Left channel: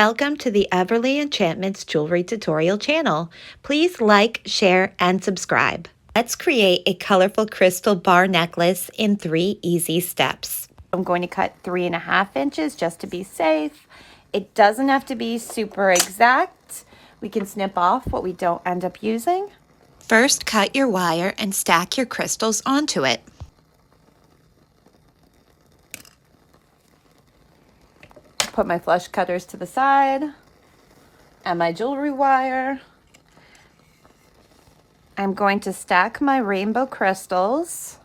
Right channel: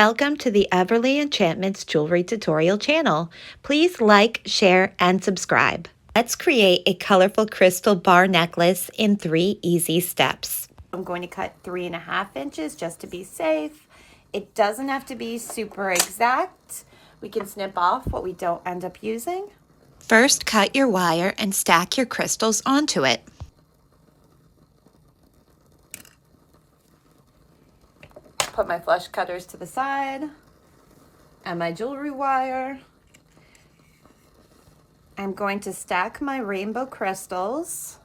Welcome to the Everly Enchantments Jewelry Tutorial channel. Please like, share, and subscribe. Let's create a colorful crystal bar necklace in 3 easy steps. I'm going to cut 3.5 inches just to be safe. It doesn't have to be super exact. We can snip off what we don't end up using. First, cut your wire and stack your crystals onto it. Put my flush cutters to the side and my jewelry wire. I'm going to stack my rainbow crystals,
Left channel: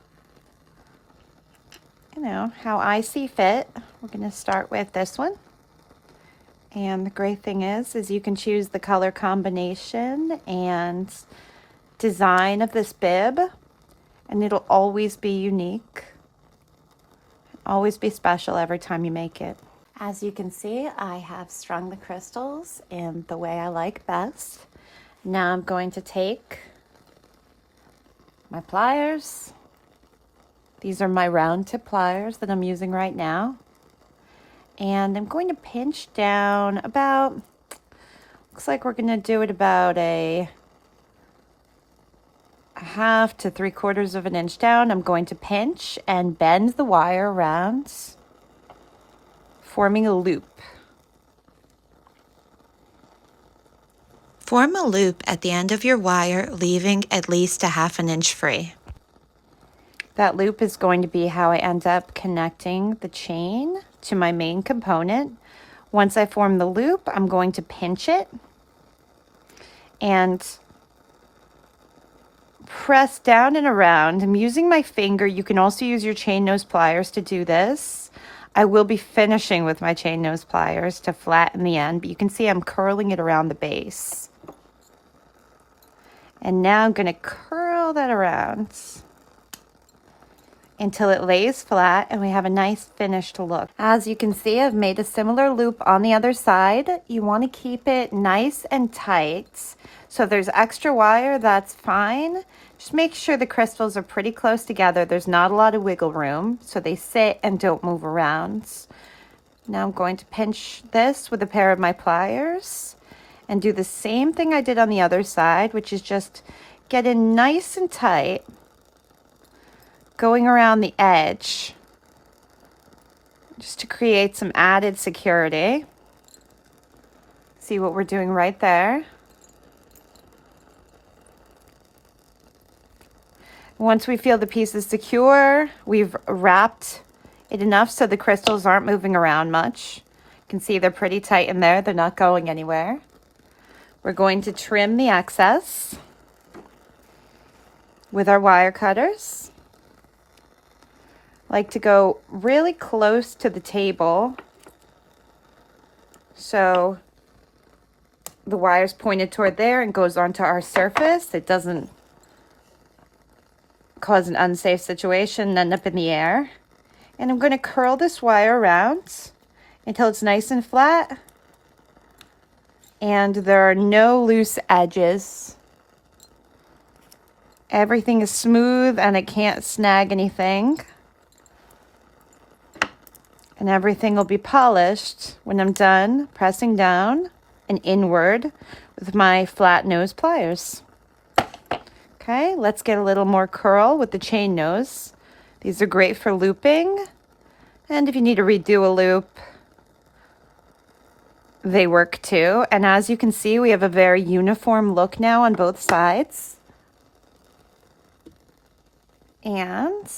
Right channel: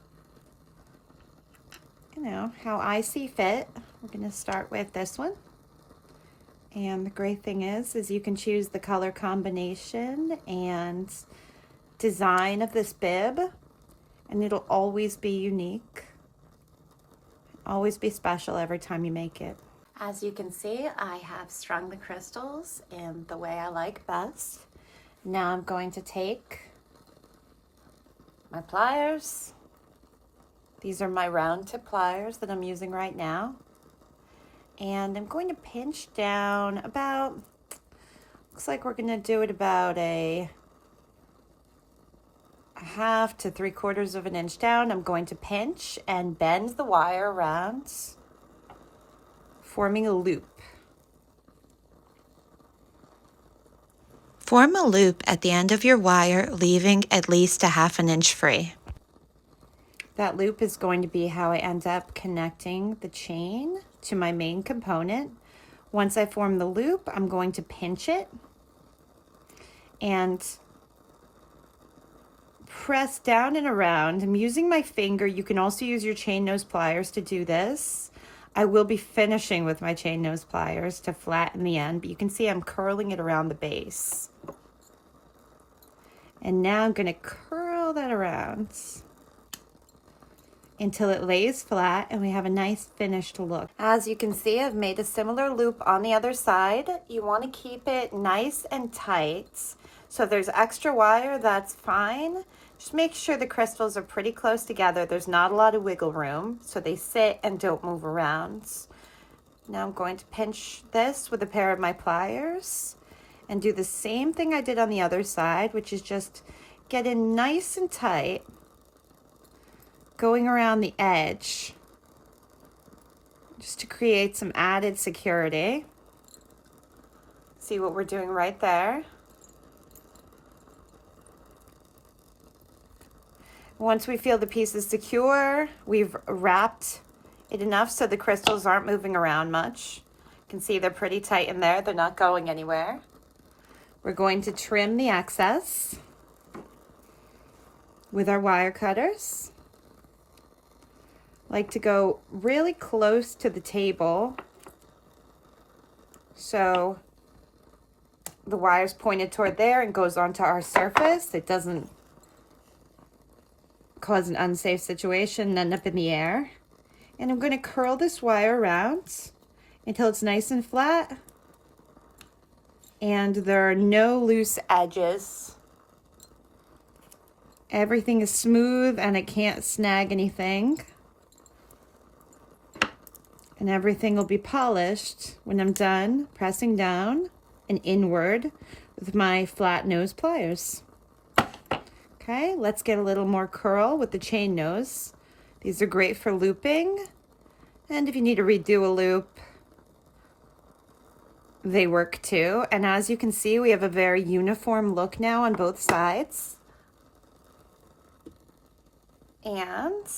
how I see fit. We're going to start with this one. And the great thing is you can choose the color combination and design of this bib, and it'll always be unique, always be special every time you make it. As you can see, I have strung the crystals in the way I like best. Now I'm going to take my pliers. These are my round tip pliers that I'm using right now. And I'm going to pinch down about, looks like we're going to do it about a 1/2 to 3/4 of an inch down. I'm going to pinch and bend the wire around, forming a loop. Form a loop at the end of your wire, leaving at least a 1/2 inch free. That loop is going to be how I end up connecting the chain to my main component. Once I form the loop, I'm going to pinch it and press down and around. I'm using my finger. You can also use your chain nose pliers to do this. I will be finishing with my chain nose pliers to flatten the end, but you can see I'm curling it around the base. And now I'm going to curl that around until it lays flat and we have a nice finished look. As you can see, I've made a similar loop on the other side. You want to keep it nice and tight. So if there's extra wire, that's fine. Just make sure the crystals are pretty close together. There's not a lot of wiggle room, so they sit and don't move around. Now I'm going to pinch this with a pair of my pliers and do the same thing I did on the other side, which is just get in nice and tight, going around the edge, just to create some added security. See what we're doing right there. Once we feel the piece is secure, we've wrapped it enough so the crystals aren't moving around much. You can see they're pretty tight in there. They're not going anywhere. We're going to trim the excess with our wire cutters. Like to go really close to the table so the wire's pointed toward there and goes onto our surface. It doesn't cause an unsafe situation and end up in the air. And I'm going to curl this wire around until it's nice and flat and there are no loose edges. Everything is smooth and it can't snag anything. And everything will be polished when I'm done pressing down and inward with my flat nose pliers. Okay, let's get a little more curl with the chain nose. These are great for looping, and if you need to redo a loop, they work too. And as you can see, we have a very uniform look now on both sides. And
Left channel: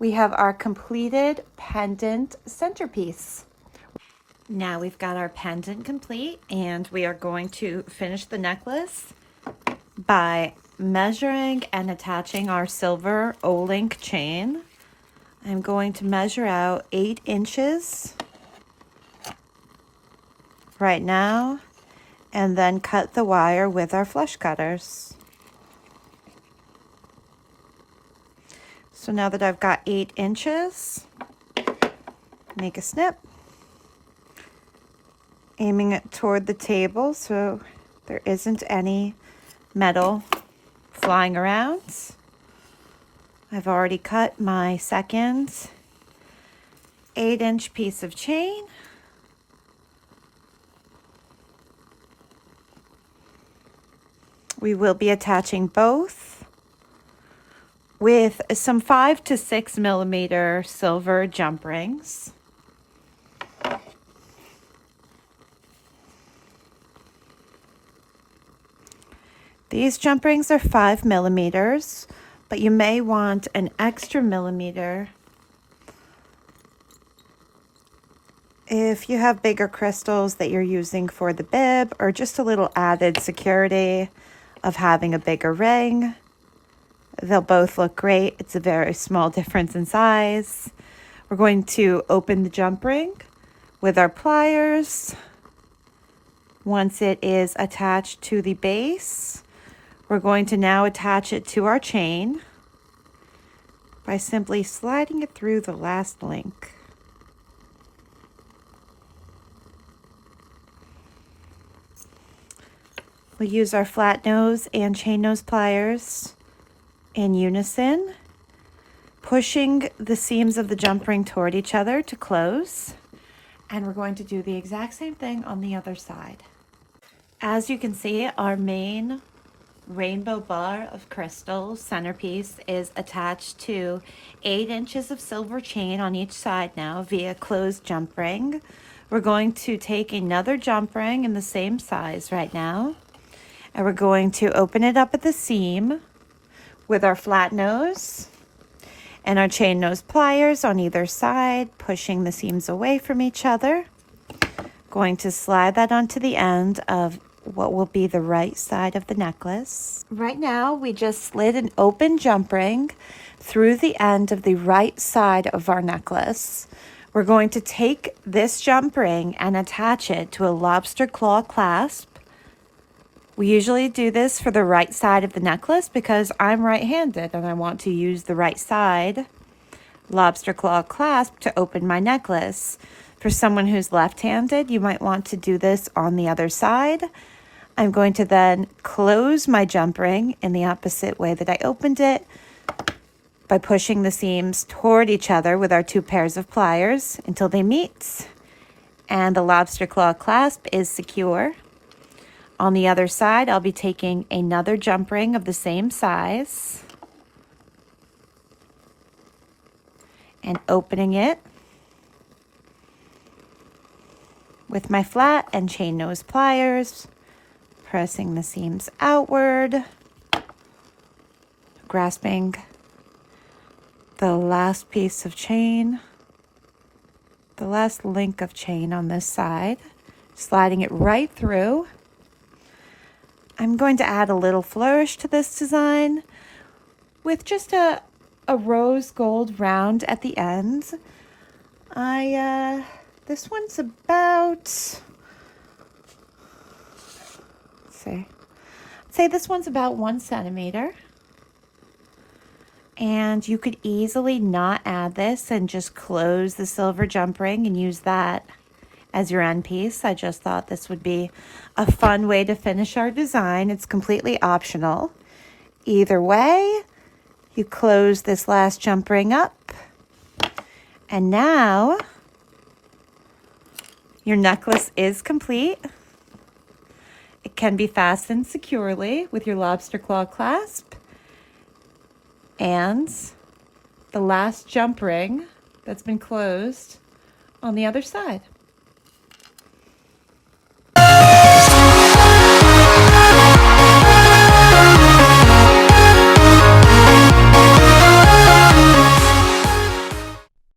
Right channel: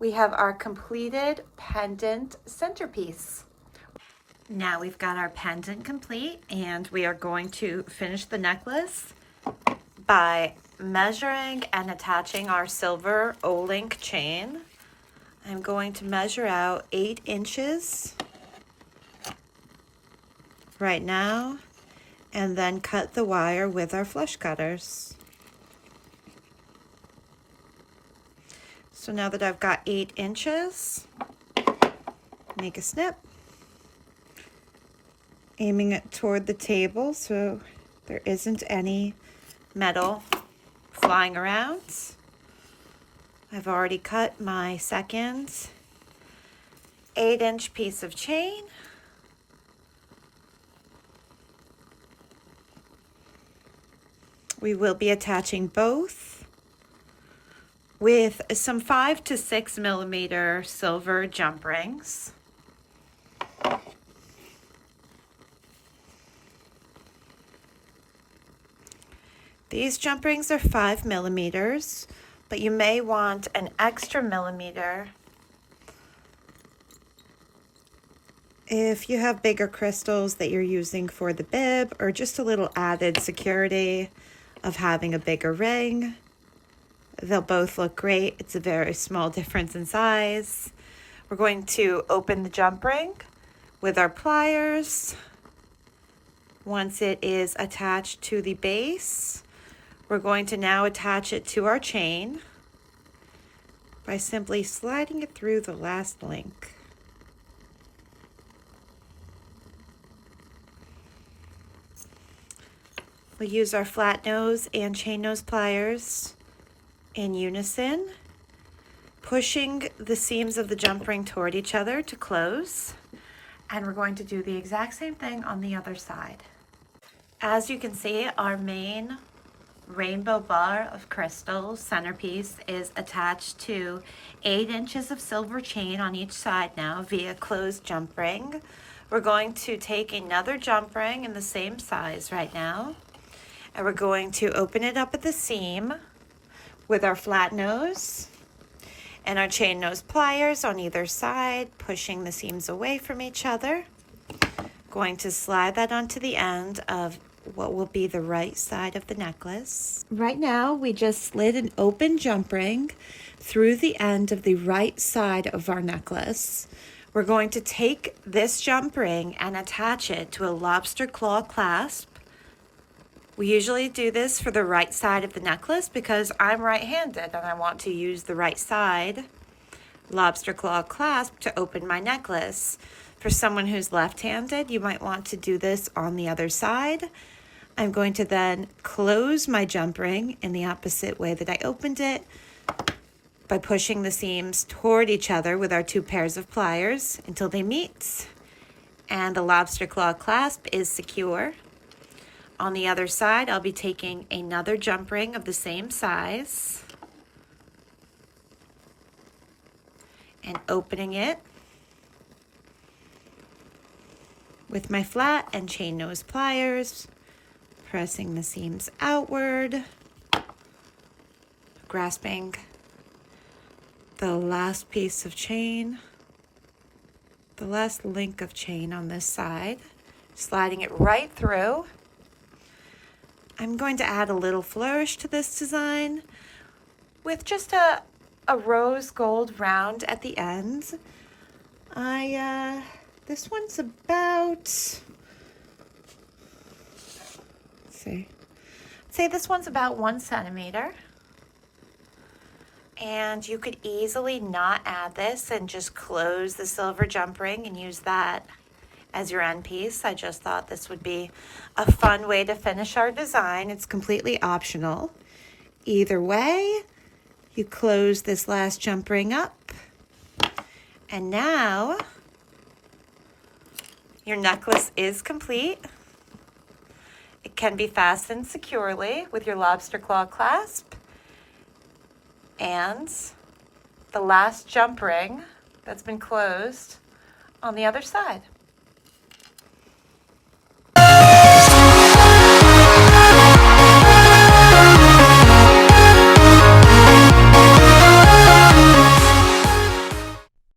we have our completed pendant centerpiece. Now we've got our pendant complete, and we are going to finish the necklace by measuring and attaching our silver O-link chain. I'm going to measure out 8 inches right now and then cut the wire with our flush cutters. So now that I've got 8 inches, make a snip, aiming it toward the table so there isn't any metal flying around. I've already cut my second 8-inch piece of chain. We will be attaching both with some 5 to 6 millimeter silver jump rings. These jump rings are 5 millimeters, but you may want an extra millimeter if you have bigger crystals that you're using for the bib, or just a little added security of having a bigger ring. They'll both look great. It's a very small difference in size. We're going to open the jump ring with our pliers. Once it is attached to the base, we're going to now attach it to our chain by simply sliding it through the last link. We use our flat nose and chain nose pliers in unison, pushing the seams of the jump ring toward each other to close. And we're going to do the exact same thing on the other side. As you can see, our main rainbow bar of crystals centerpiece is attached to 8 inches of silver chain on each side now via closed jump ring. We're going to take another jump ring in the same size right now, and we're going to open it up at the seam with our flat nose and our chain nose pliers on either side, pushing the seams away from each other. Going to slide that onto the end of what will be the right side of the necklace. Right now, we just slid an open jump ring through the end of the right side of our necklace. We're going to take this jump ring and attach it to a lobster claw clasp. We usually do this for the right side of the necklace because I'm right-handed and I want to use the right side lobster claw clasp to open my necklace. For someone who's left-handed, you might want to do this on the other side. I'm going to then close my jump ring in the opposite way that I opened it by pushing the seams toward each other with our 2 pairs of pliers until they meet and the lobster claw clasp is secure. On the other side, I'll be taking another jump ring of the same size and opening it with my flat and chain nose pliers, pressing the seams outward, grasping the last piece of chain, the last link of chain on this side, sliding it right through. I'm going to add a little flourish to this design with just a rose gold round at the end. This one's about, I'd say this one's about 1 centimeter. And you could easily not add this and just close the silver jump ring and use that as your end piece. I just thought this would be a fun way to finish our design. It's completely optional. Either way, you close this last jump ring up, and now your necklace is complete. It can be fastened securely with your lobster claw clasp and the last jump ring that's been closed on the other side.